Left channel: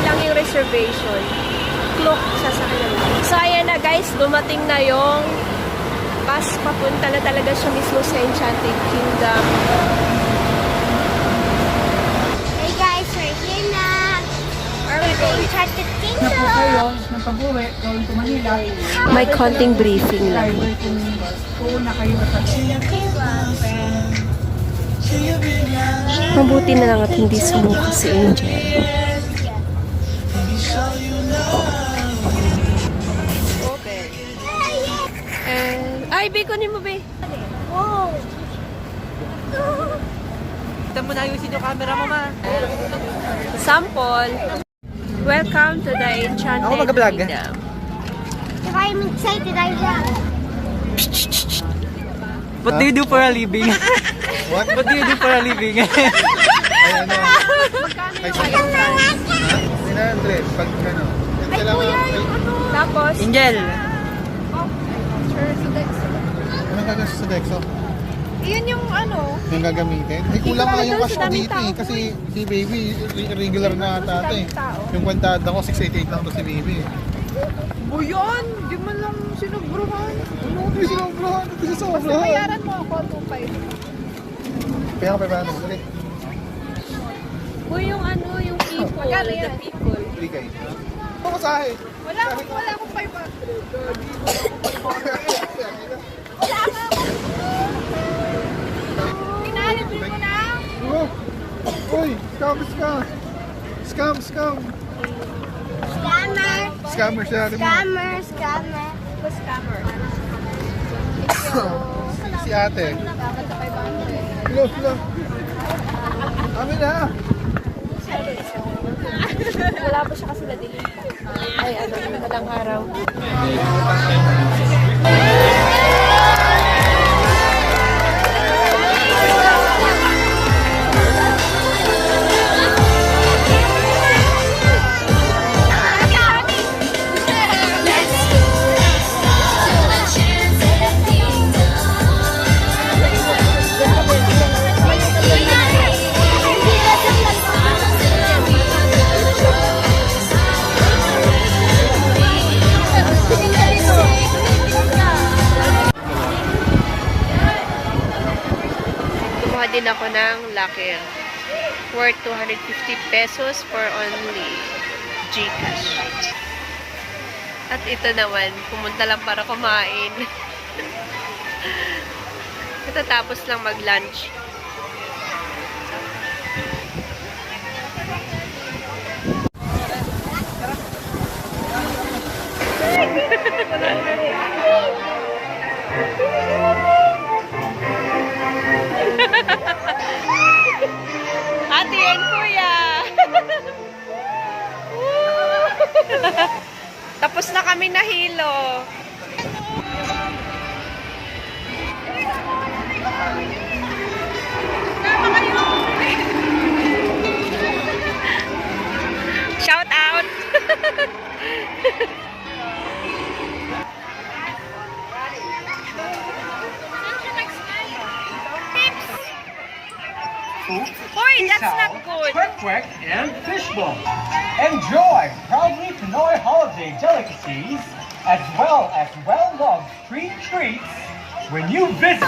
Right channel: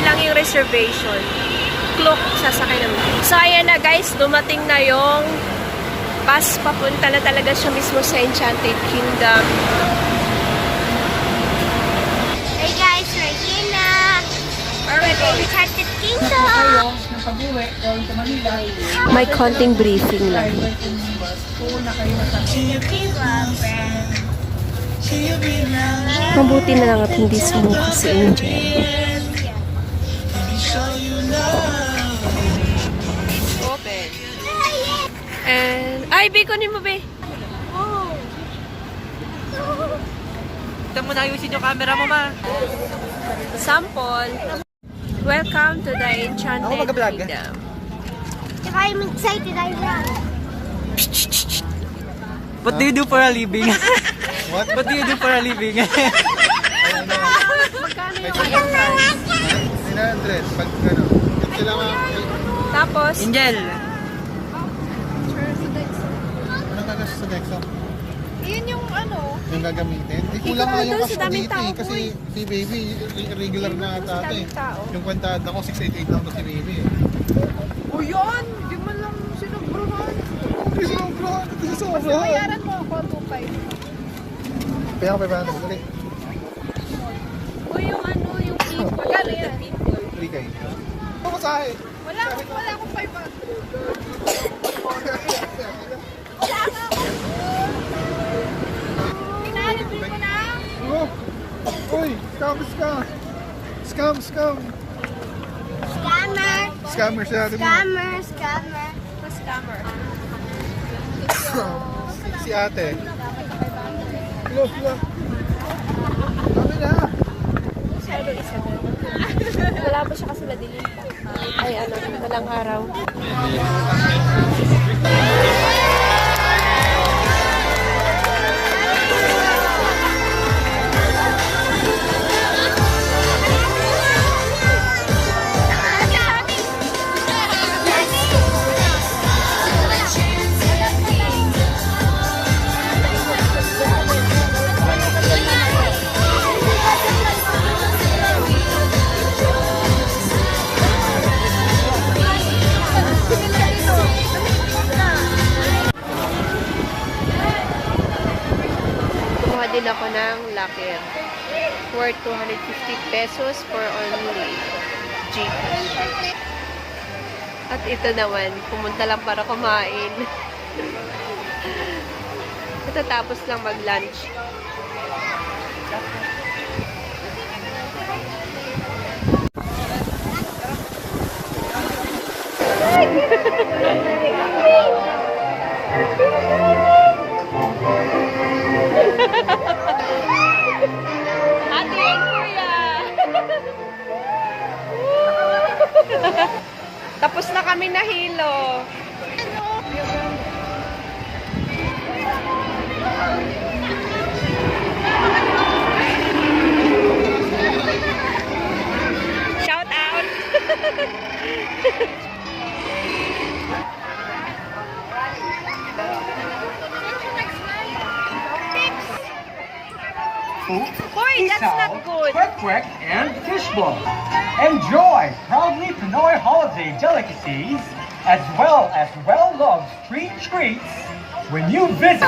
lang yung reservation. Clock, sasakay naman. So, ayan na guys, dumating na yung bus. Papunta na talaga siya mismo sa Enchanted Kingdom. Hey guys, we're here na. We're in Enchanted Kingdom. May konting briefing lang. Mabuti na lang at hindi sumuka si Angel. Open. And, ay, Be, kunin mo, Be. Wow. Ito mo na ayusin yung camera mo, ma. Sample. Welcome to the Enchanted Kingdom. Tsaka I'm excited, I run. What do you do for a living? What do you do for a living? Ayan na. Ay, 900. Pag ano. Ito lang ang... Tapos, Angel. Ano gagastos sa Dexo? yun yung ano. Yung gagamitin? Ay, kulang nga yung cash ko dito eh. Kasi si Baby, regular na ata ito eh. Yung kwentad ako, 688 lang ito si Baby eh. O yun! Di man lang sinubruhan. Ay, sobrang! Kasi Basta sobrang! bayaran mo ako, 2.5. Kaya pa ba naman? Ulit. O yung ano, yung people. Magkano yan? Hindi kayo. Ako sa akin. Wala akong 500. Pinalibil mo na? Oh! Uy! Scam! Scammer! Scammer. Scammer siya. Scammer. Scammer. Si ate. Hello. Kami na. Wala pa siya kasi na-delete. Ay, ano, malang araw. Kumuha din ako ng locker. Worth 250 pesos for only Gcash. At ito naman, pumunta lang para kumain. Tapos lang mag-lunch. Ate and Kuya! Tapos na kami nahilo. Shout out! Hoy, that's not good. Quick and fishbowl. Enjoy proudly Pinoy holiday delicacies as well as well-loved street treats when you visit.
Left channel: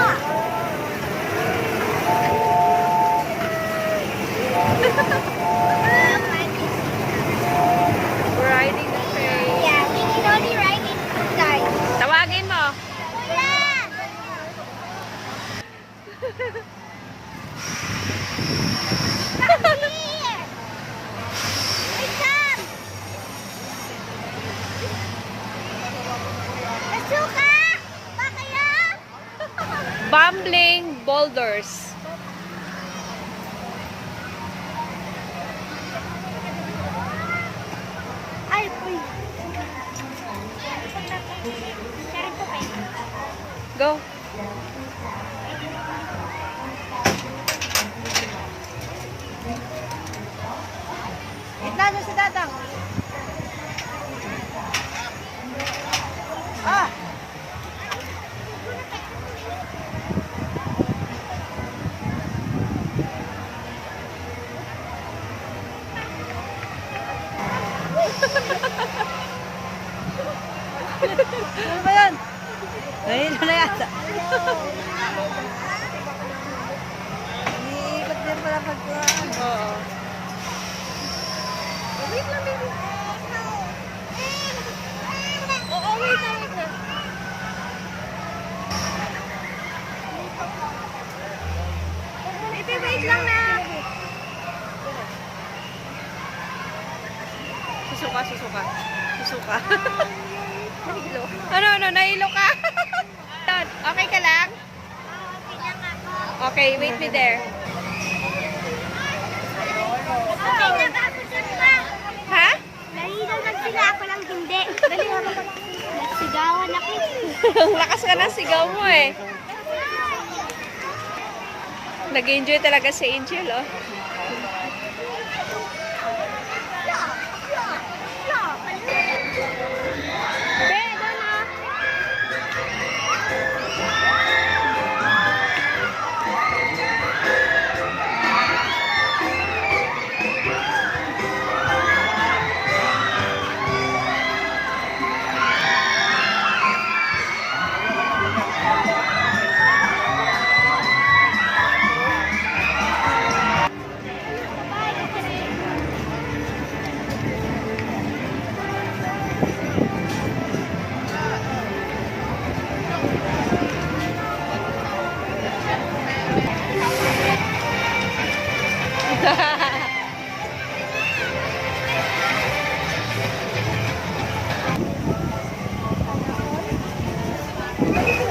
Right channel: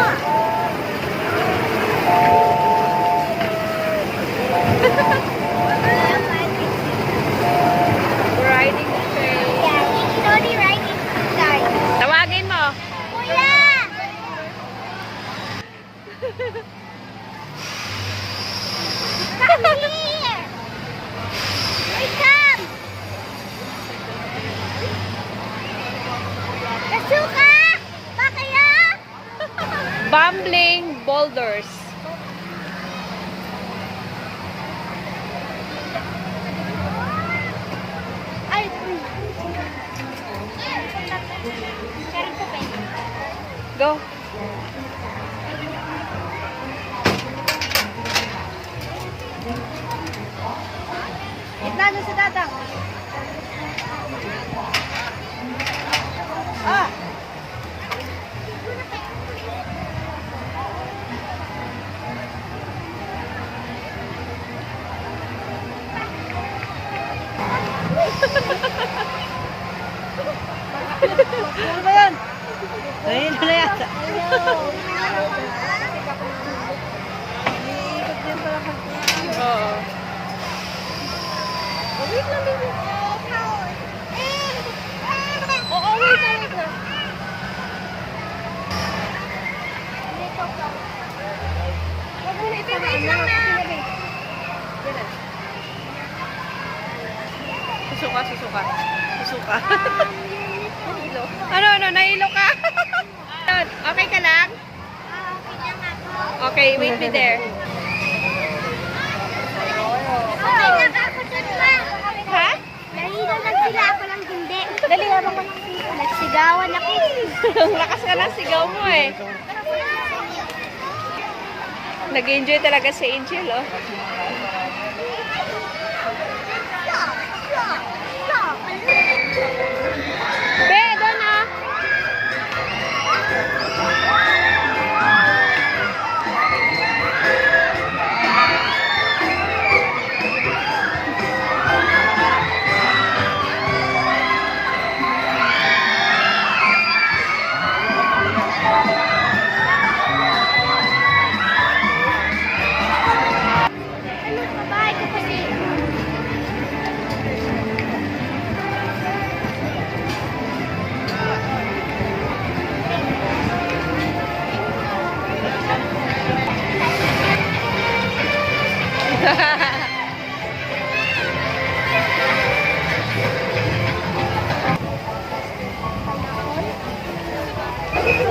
Riding the train. Yeah, we slowly riding the car. Tawagin mo. Wala! Come here! Come! Nasuka! Bakla! Bumbling boulders. Ay, uy. Go. Gitna na sa datang. Ano ba yan? Ayun na yata. Iikot din pala pag Oo. Wait lang, baby. Oo, wait lang. Wait lang na. Susuka, susuka. Susuka. Ano, nahilo ka? Okay ka lang? Okay na nga po. Okay, wait me there. Okay na ba ako dun pa? Ha? Dali naman sila, ako lang hindi. Dali naman. Nagsigawan ako. Ang lakas ka ng sigaw mo eh. Nag-enjoy talaga si Angel, oh. Be, doon ah.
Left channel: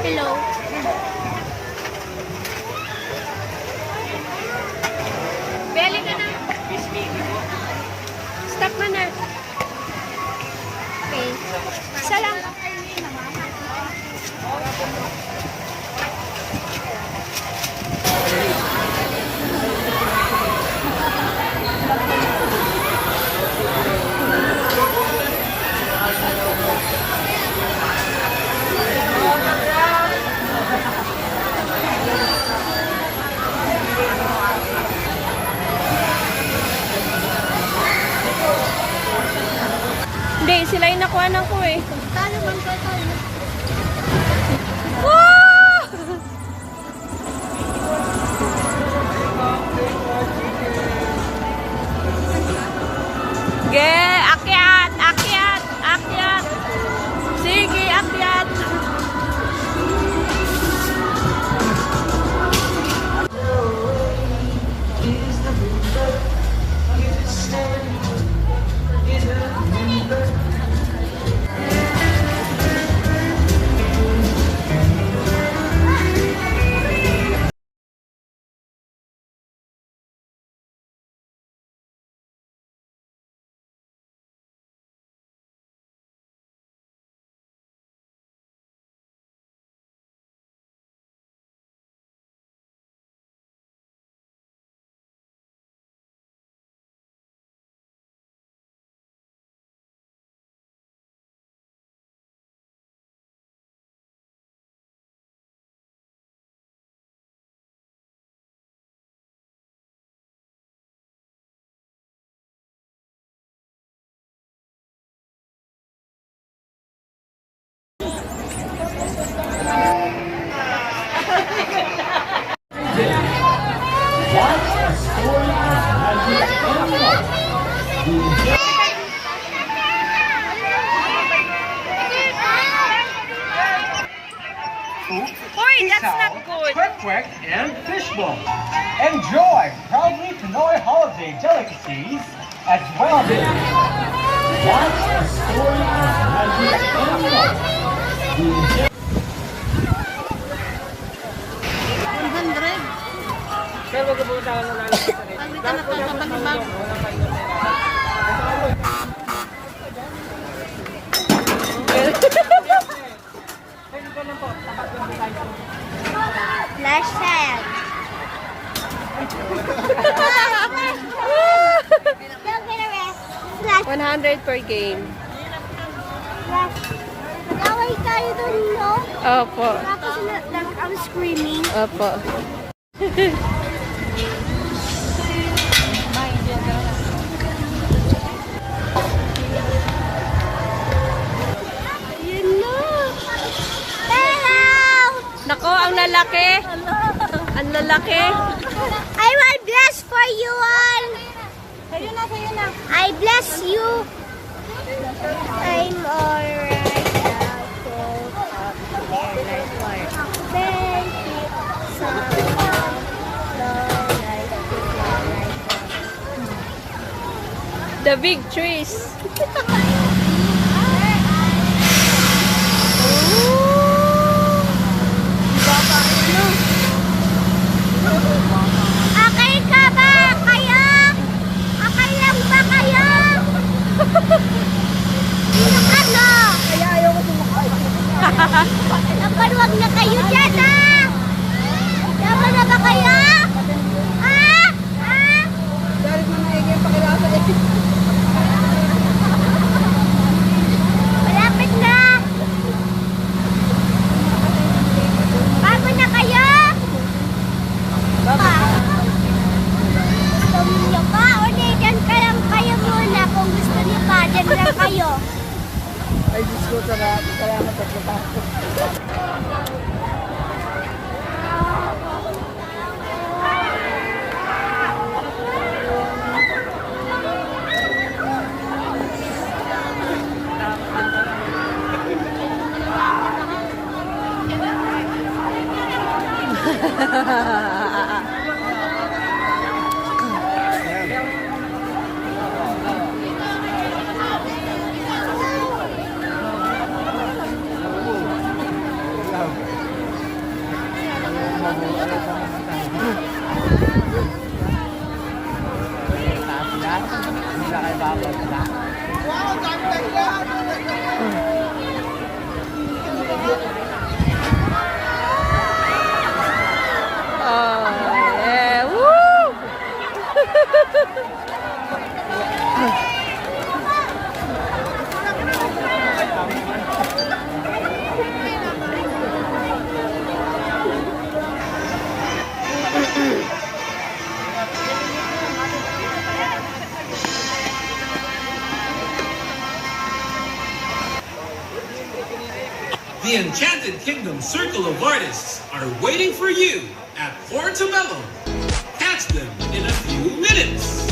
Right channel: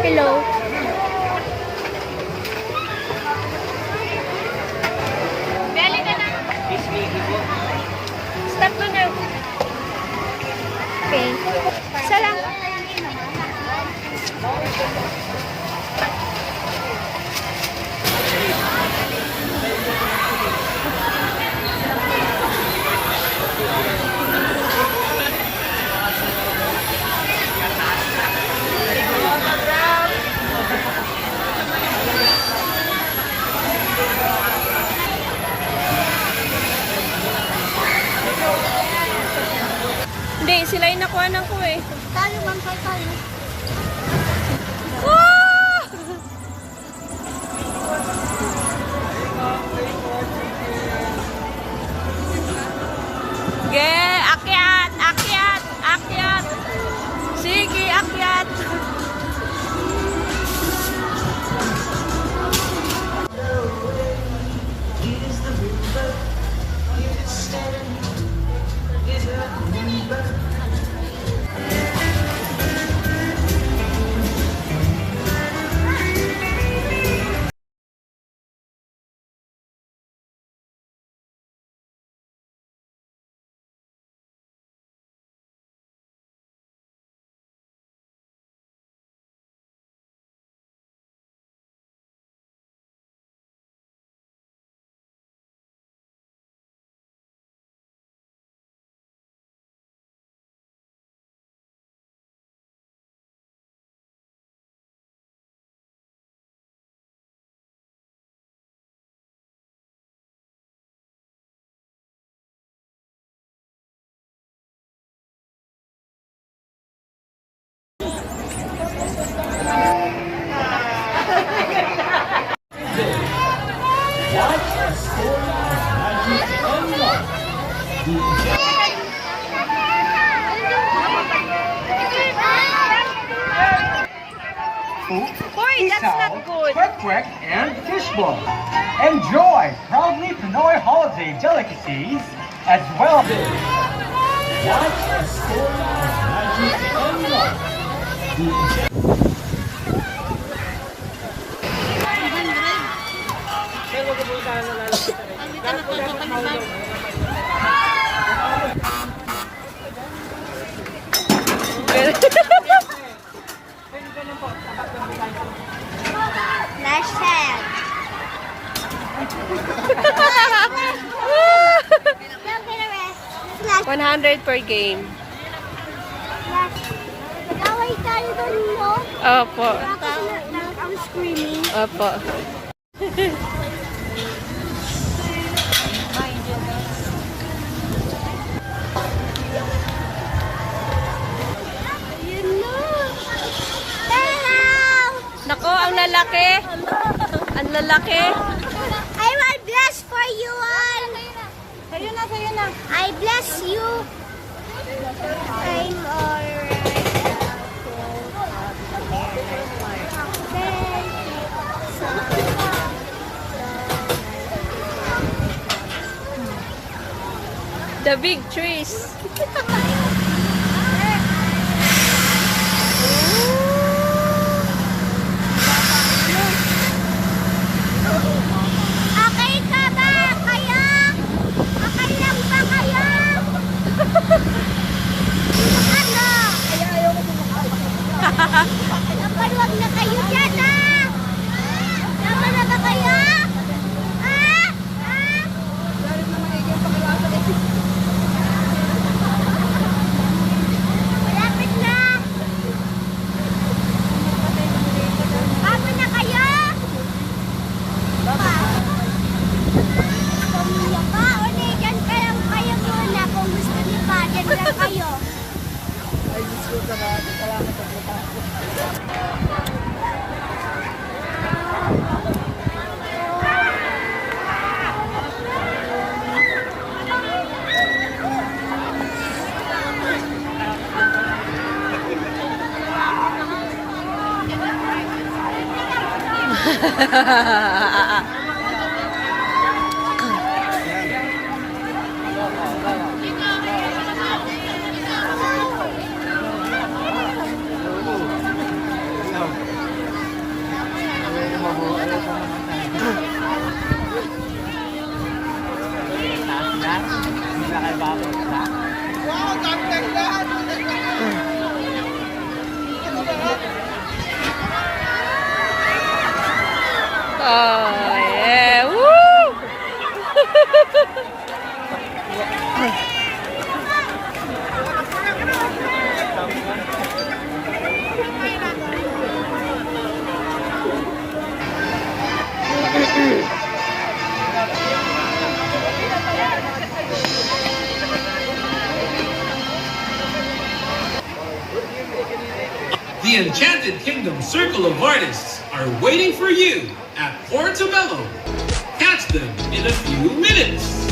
Hello. Beli ka na. Stop mo na. Okay. Isa lang. Hindi, sila yung nakuha ko eh. Kalo bang kayo? Ah! Ge, akyat, akyat, akyat. Sige, akyat. Hoy, that's not good. Quick and fishbowl. Enjoy proudly Pinoy holiday delicacies as well. What's the story of magic and love? Sir, wag po tayo nalalabas sa rin. Dahil po dapat maulong. Wala pa rin. Last time. Don't get a rest. Last. 100 per game. Last. Nagaway tayo dun, no? Opo. Tapos I'm screaming. Opo. lalaki. Ang lalaki. I will bless for you all. Sa'yo na. I bless you. I'm alright. The big trees. Okay ka ba? Kayo? Okay lang ba kayo? Ano? Kaya ayaw ko sumakay. Dapat wag na kayo dyan, ha? Tama na ba kayo? Ha? Ha? Dahil mo naigil pagkakasal eh. Malapit na. Tama na kayo? Gusto niyo pa? O di, dyan ka lang kayo muna. Kung gusto niyo pa, dyan lang kayo. Ay, Diyos ko, sarap. Kaya napagpapakot. Oh, yeah. Woo! The Enchanted Kingdom Circle of Artists are waiting for you at Portobello. Catch them in a few minutes.